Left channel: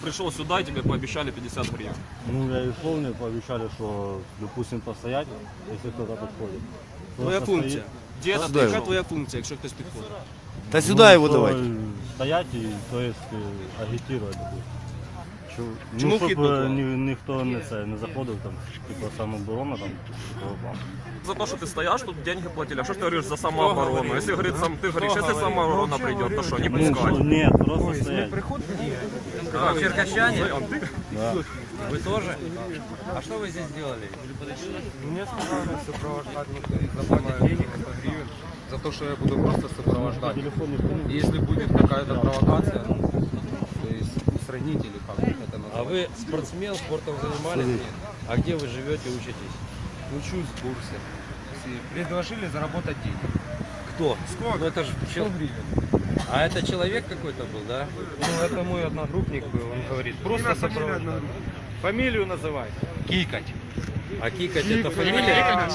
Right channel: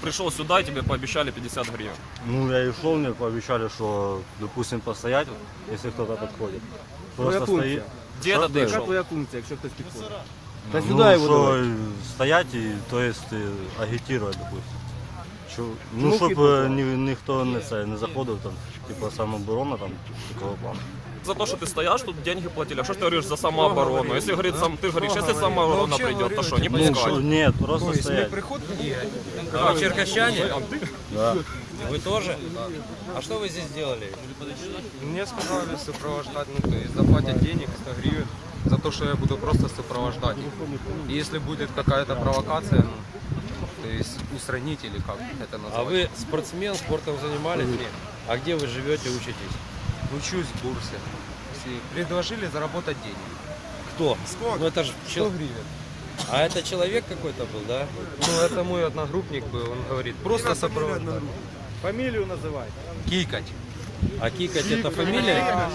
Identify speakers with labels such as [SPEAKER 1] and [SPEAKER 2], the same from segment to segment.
[SPEAKER 1] пришел сюда и тебе пообещали 50 гривен?
[SPEAKER 2] Ну, я и шел, мне пообещали, что, допустим, постоять, если кто-то подходит.
[SPEAKER 3] Твоя
[SPEAKER 2] Просто
[SPEAKER 3] функція.
[SPEAKER 1] Где это ты
[SPEAKER 3] Яка
[SPEAKER 1] шел?
[SPEAKER 3] твоя функція, якщо хтось підходить?
[SPEAKER 4] Та
[SPEAKER 2] Ну,
[SPEAKER 4] сюди його
[SPEAKER 2] что
[SPEAKER 4] давай.
[SPEAKER 2] стоять и, то есть, агитировать, допустим. Що,
[SPEAKER 3] Чому
[SPEAKER 2] ну,
[SPEAKER 3] вхід
[SPEAKER 2] щоб
[SPEAKER 3] блокували?
[SPEAKER 2] ніхто не заходив, там, типу, самооборона, там, такого плану.
[SPEAKER 1] За то, что ты стоишь, тут деньги платили. А что ж ты говоришь за самооборону? Если говорит, ты говоришь, если самооборона придет, то что, не пускай?
[SPEAKER 2] Нет, просто стоять.
[SPEAKER 5] А, черкащане?
[SPEAKER 2] Да.
[SPEAKER 5] Вы тоже? А что вы здесь делали?
[SPEAKER 6] Мне сказали сопровождать, ну то есть заплатят денег 100 гривен за то, что я буду просто сопровождать. И если будет какая-то провокация, ну, то есть устранить или как это назвать.
[SPEAKER 5] А вы спортсмен, спортом занимались?
[SPEAKER 6] Нет.
[SPEAKER 5] А где вы живете, учитесь?
[SPEAKER 6] Учусь в бурсе. Предложили заработать денег.
[SPEAKER 5] Кто? Ну это же
[SPEAKER 6] 100 гривен.
[SPEAKER 5] А это человек какой-то был, да?
[SPEAKER 6] Ну это мой одногруппник был, он говорит, просто сопровождать.
[SPEAKER 3] Фамілію називай.
[SPEAKER 6] Кикать.
[SPEAKER 5] А Кикать это фамилия?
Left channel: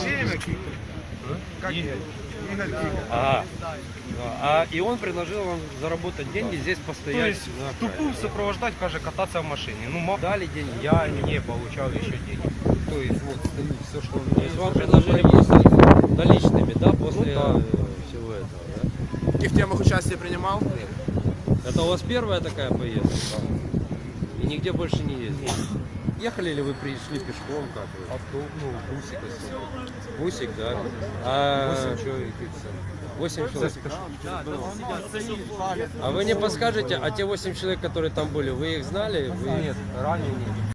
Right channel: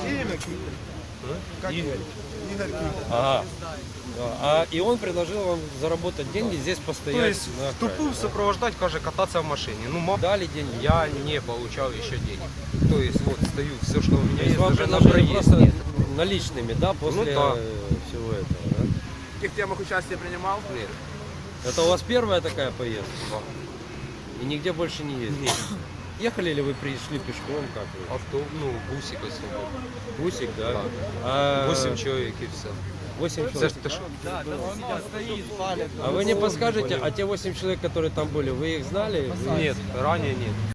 [SPEAKER 5] А, и он предложил вам заработать деньги здесь постоять.
[SPEAKER 6] То есть
[SPEAKER 5] на
[SPEAKER 6] в тупую сопровождать, каже, кататься в машине. Ну,
[SPEAKER 5] Дали деньги?
[SPEAKER 6] я не получал еще денег. То есть вот стою, все, что у меня
[SPEAKER 5] То есть
[SPEAKER 6] есть.
[SPEAKER 5] вам
[SPEAKER 6] даже
[SPEAKER 5] предложили
[SPEAKER 6] на
[SPEAKER 5] просто наличными, да, после
[SPEAKER 6] да.
[SPEAKER 5] всего этого?
[SPEAKER 3] В яких темах участие приймав?
[SPEAKER 6] Нет.
[SPEAKER 5] Да? Это у вас первая такая поездка? И нигде больше не ездили? Ехали ли вы пришли пешком? Как вы?
[SPEAKER 6] Авто, ну, бусик особо.
[SPEAKER 5] Бусик, да? А,
[SPEAKER 6] 8 человек и все.
[SPEAKER 5] 8 человек. А вы не подскажете, а те 8 человек, которые там были, вы их знали? Вы-
[SPEAKER 6] Нет, ранее нет.